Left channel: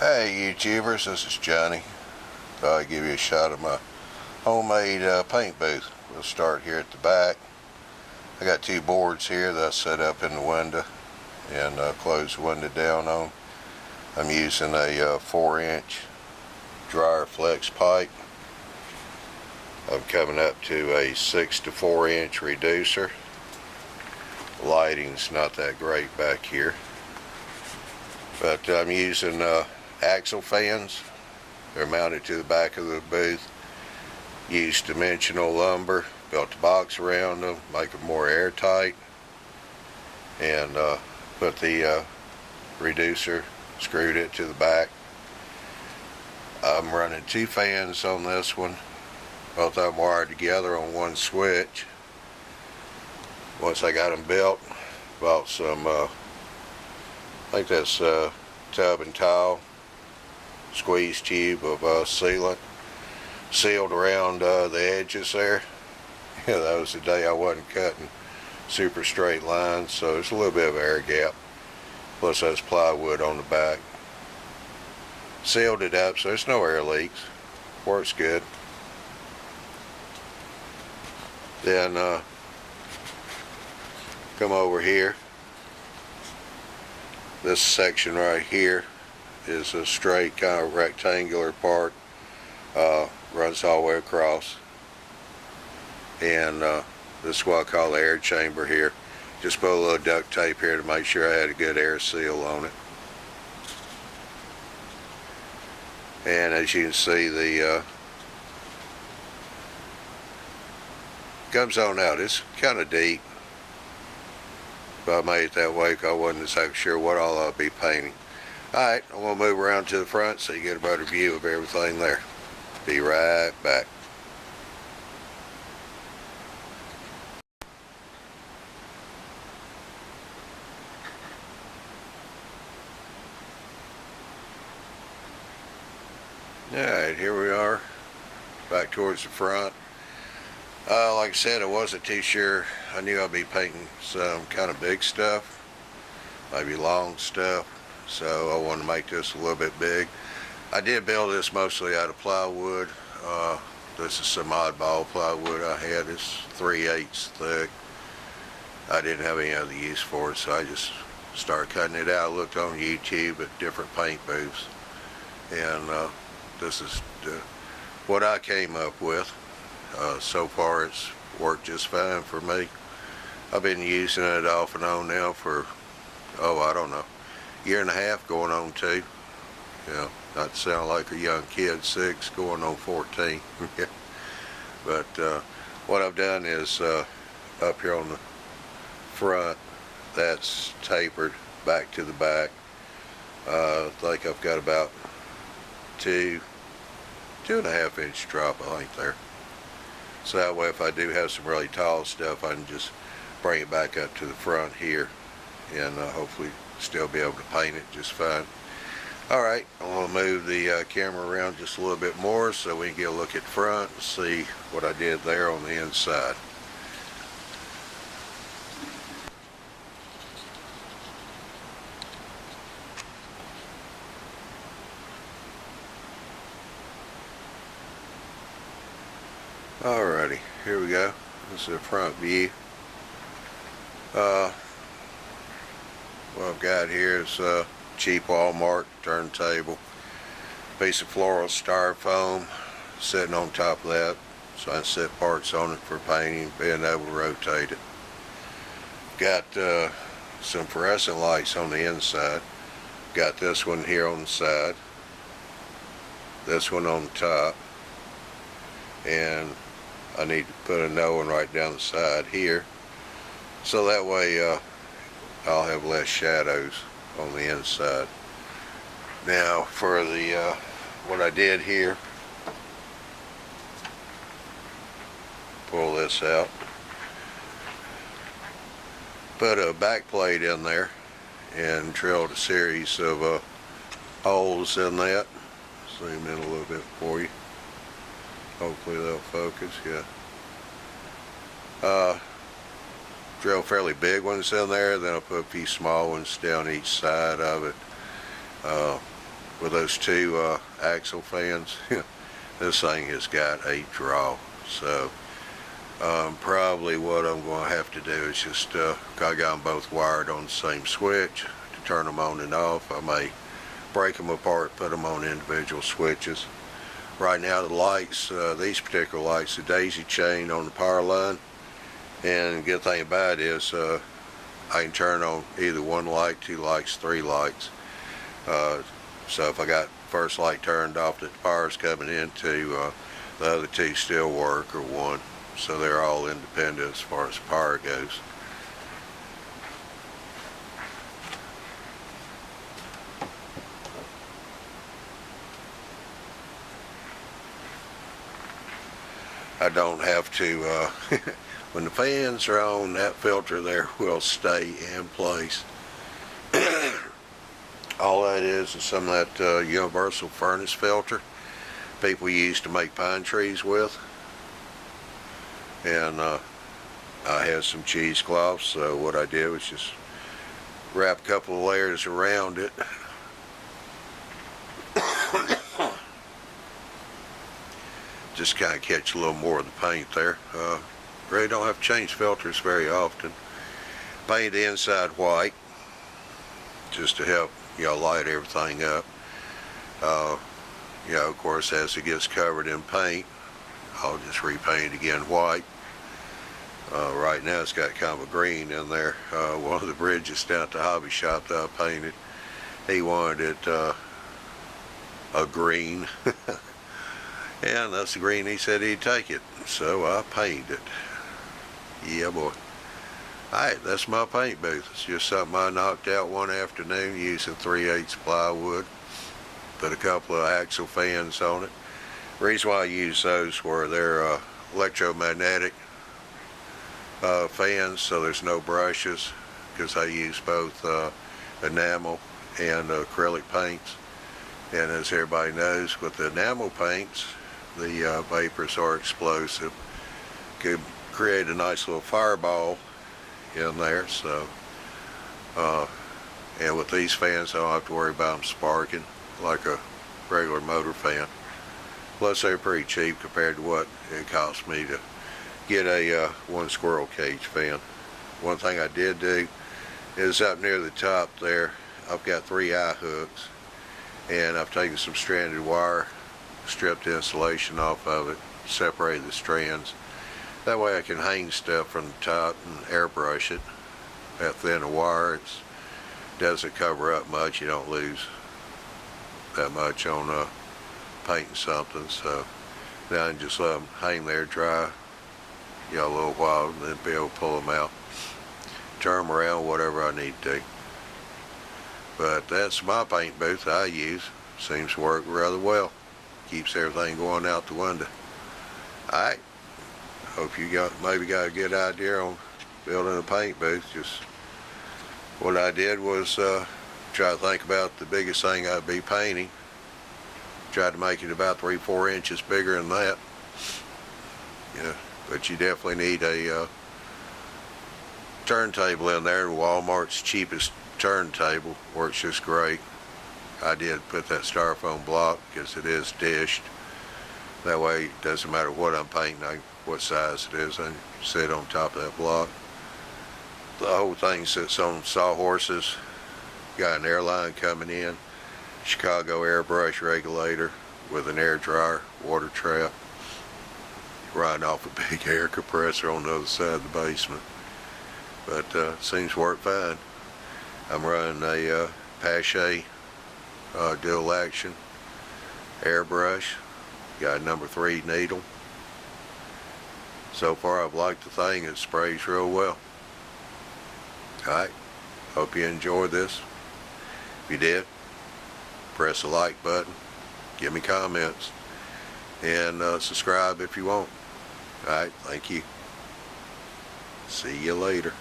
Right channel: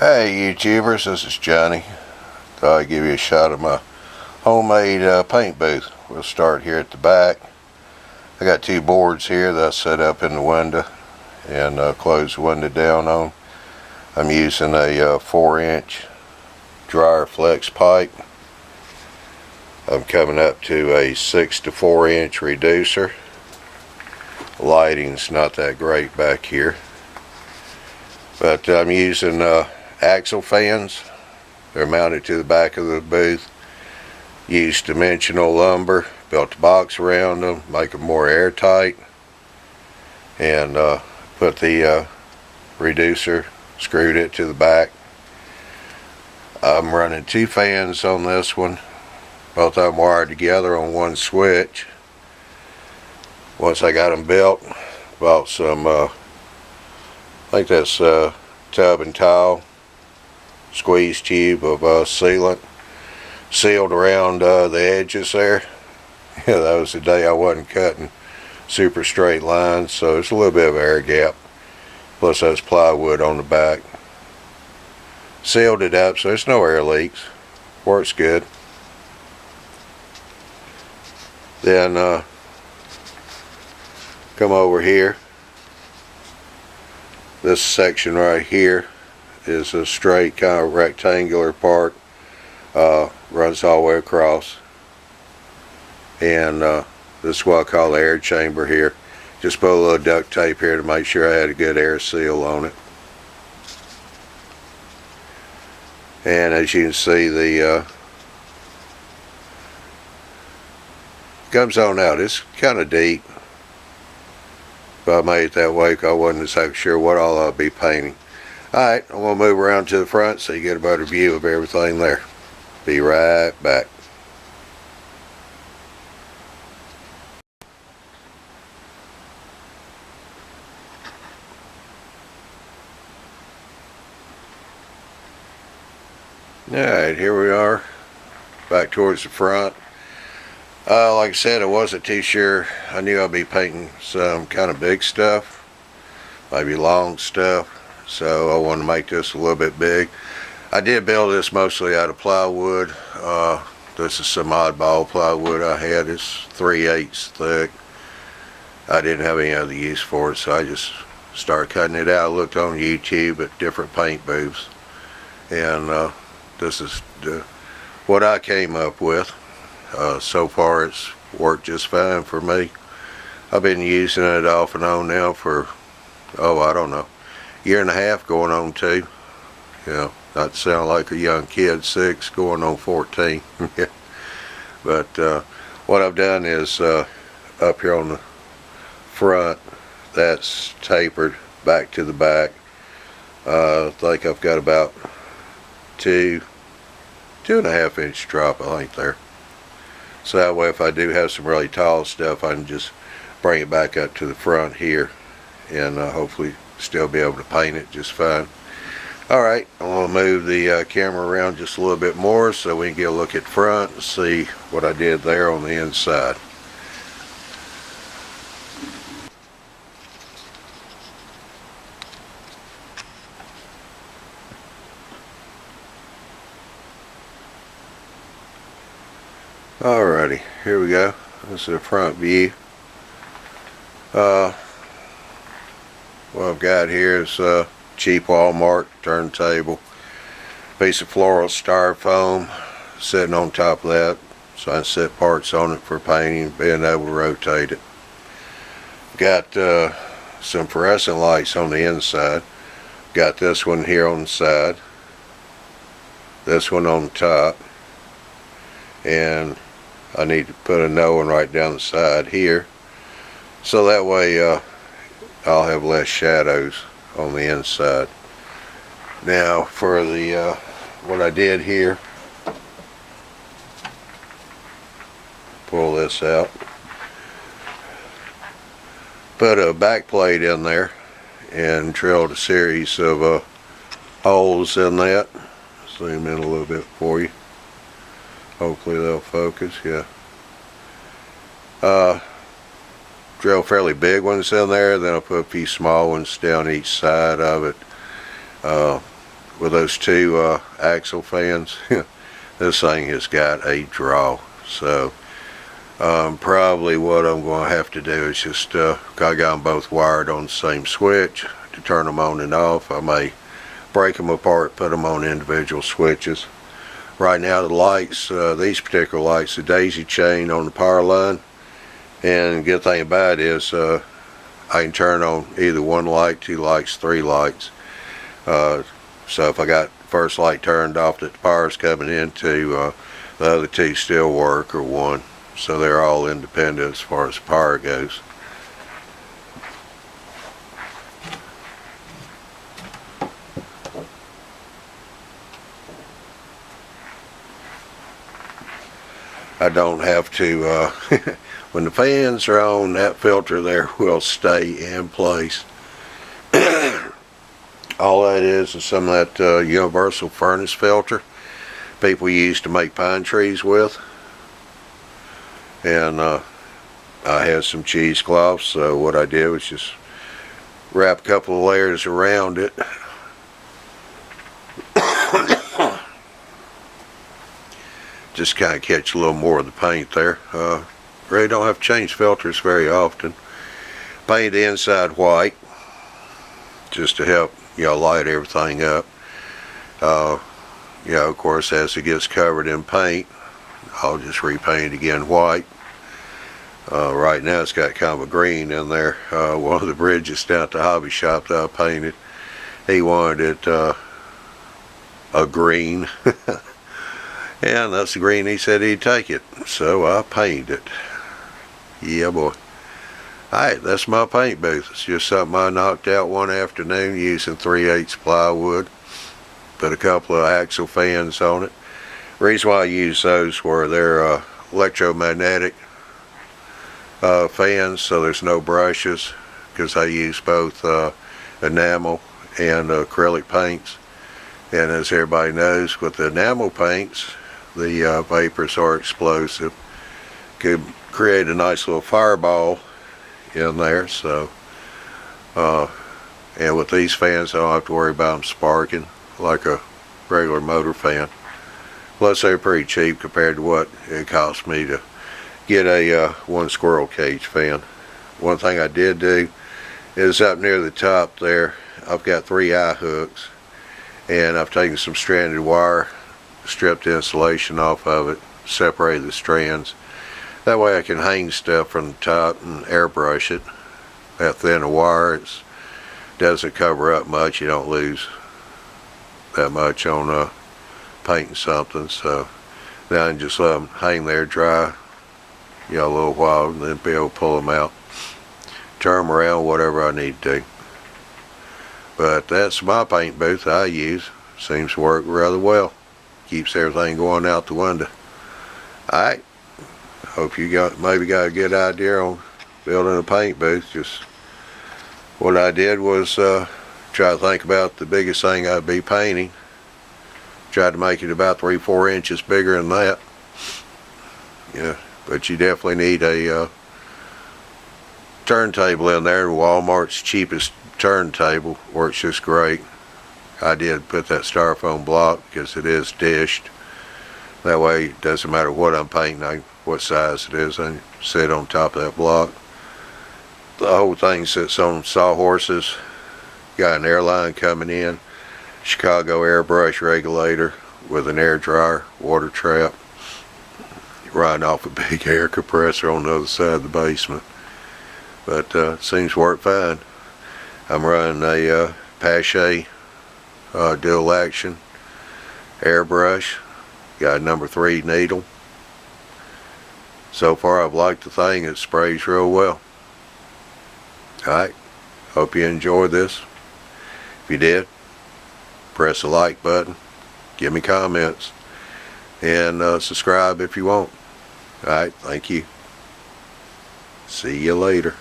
Hey YouTubers, this is Johnny. Thought I'd give you a shot of my homemade paint booth. We'll start here at the back. I got two boards here that I set up in the window and close the window down on. I'm using a 4-inch dryer flex pipe. I'm coming up to a 6 to 4-inch reducer. The lighting's not that great back here, but I'm using axle fans. They're mounted to the back of the booth. Used dimensional lumber, built a box around them, make them more airtight, and put the reducer, screwed it to the back. I'm running two fans on this one, both of them wired together on one switch. Once I got them built, bought some, I think that's tub and tile squeeze tube of sealant, sealed around the edges there. Yeah, that was the day I wasn't cutting super straight lines, so there's a little bit of air gap. Plus that's plywood on the back. Sealed it up so there's no air leaks. Works good. Then come over here. This section right here is a straight kind of rectangular part. Runs all the way across. And this is what I call the air chamber here. Just put a little duct tape here to make sure I had a good air seal on it. And as you can see, the comes on out. It's kind of deep, but I made it that way because I wasn't exactly sure what all I'll be painting. Alright, I'm going to move around to the front so you get a better view of everything there. Be right back. Alright, here we are, back towards the front. Like I said, I wasn't too sure. I knew I'd be painting some kind of big stuff, maybe long stuff, so I wanted to make this a little bit big. I did build this mostly out of plywood. This is some oddball plywood I had. It's 3/8 thick. I didn't have any other use for it, so I just started cutting it out. I looked on YouTube at different paint booths, and this is what I came up with. So far it's worked just fine for me. I've been using it off and on now for, I don't know, year and a half going on 2. You know, not to sound like a young kid, 6 going on 14. But what I've done is up here on the front, that's tapered back to the back. I think I've got about 2.5 inch drop, I think, there. So that way if I do have some really tall stuff, I can just bring it back up to the front here and hopefully still be able to paint it just fine. Alright, I'm going to move the camera around just a little bit more so we can get a look at front and see what I did there on the inside. Alrighty, here we go. This is the front view. What I've got here is a cheap Walmart turntable. Piece of floral styrofoam sitting on top of that, so I can set parts on it for painting, being able to rotate it. Got some fluorescent lights on the inside. Got this one here on the side, this one on the top, and I need to put another one right down the side here, so that way I'll have less shadows on the inside. Now for the what I did here, pull this out, put a back plate in there and drilled a series of holes in that. Zoom in a little bit for you. Hopefully they'll focus, yeah. Drill fairly big ones in there, then I'll put a few small ones down each side of it. with those two axle fans. This thing has got a draw. So probably what I'm going to have to do is just, I got them both wired on the same switch to turn them on and off. I may break them apart, put them on individual switches. Right now the lights, these particular lights, the daisy chain on the power line, and the good thing about it is I can turn on either one light, two lights, three lights. So if I got first light turned off that the power's coming into, the other two still work, or one. So they're all independent as far as the power goes. I don't have to, when the fans are on, that filter there will stay in place. All that is some of that universal furnace filter people use to make pine trees with. And I had some cheesecloths, so what I did was just wrap a couple of layers around it. Just kind of catch a little more of the paint there. Really don't have to change filters very often. Paint the inside white just to help, light everything up. Of course, as it gets covered in paint, I'll just repaint again white. Right now it's got kind of a green in there. One of the bridges down at the hobby shop that I painted, he wanted it a green. And that's the green he said he'd take it. So I painted it. Yeah, boy. Alright, that's my paint booth. It's just something I knocked out one afternoon using 3/8 plywood. Put a couple of axle fans on it. The reason why I use those were they're electromagnetic fans, so there's no brushes, because I use both enamel and acrylic paints. And as everybody knows, with the enamel paints, the vapors are explosive. Could create a nice little fireball in there. So and with these fans I don't have to worry about them sparking like a regular motor fan. Plus they're pretty cheap compared to what it cost me to get a one squirrel cage fan. One thing I did do is up near the top there, I've got 3 eye hooks, and I've taken some stranded wire, stripped the insulation off of it, separated the strands. That way I can hang stuff from the top and airbrush it. That thin of wire, it doesn't cover up much. You don't lose that much on painting something. So then I can just let them hang there dry, a little while, and then be able to pull them out, turn them around, whatever I need to do. But that's my paint booth I use. Seems to work rather well. Keeps everything going out the window. Alright. Hope you maybe got a good idea on building a paint booth. Just what I did was try to think about the biggest thing I'd be painting. Tried to make it about 3-4 inches bigger than that. Yeah, but you definitely need a turntable in there. Walmart's cheapest turntable works just great. I did put that styrofoam block because it is dished. That way it doesn't matter what I'm painting, what size it is, I can sit on top of that block. The whole thing sits on sawhorses. Got an airline coming in, Chicago airbrush regulator with an air dryer, water trap, riding off a big air compressor on the other side of the basement. But seems to work fine. I'm running a Pache dual action airbrush. Got a number 3 needle. So far I've liked the thing. It sprays real well. Alright, hope you enjoyed this. If you did, press the like button, give me comments, and subscribe if you want. Alright, thank you. See you later.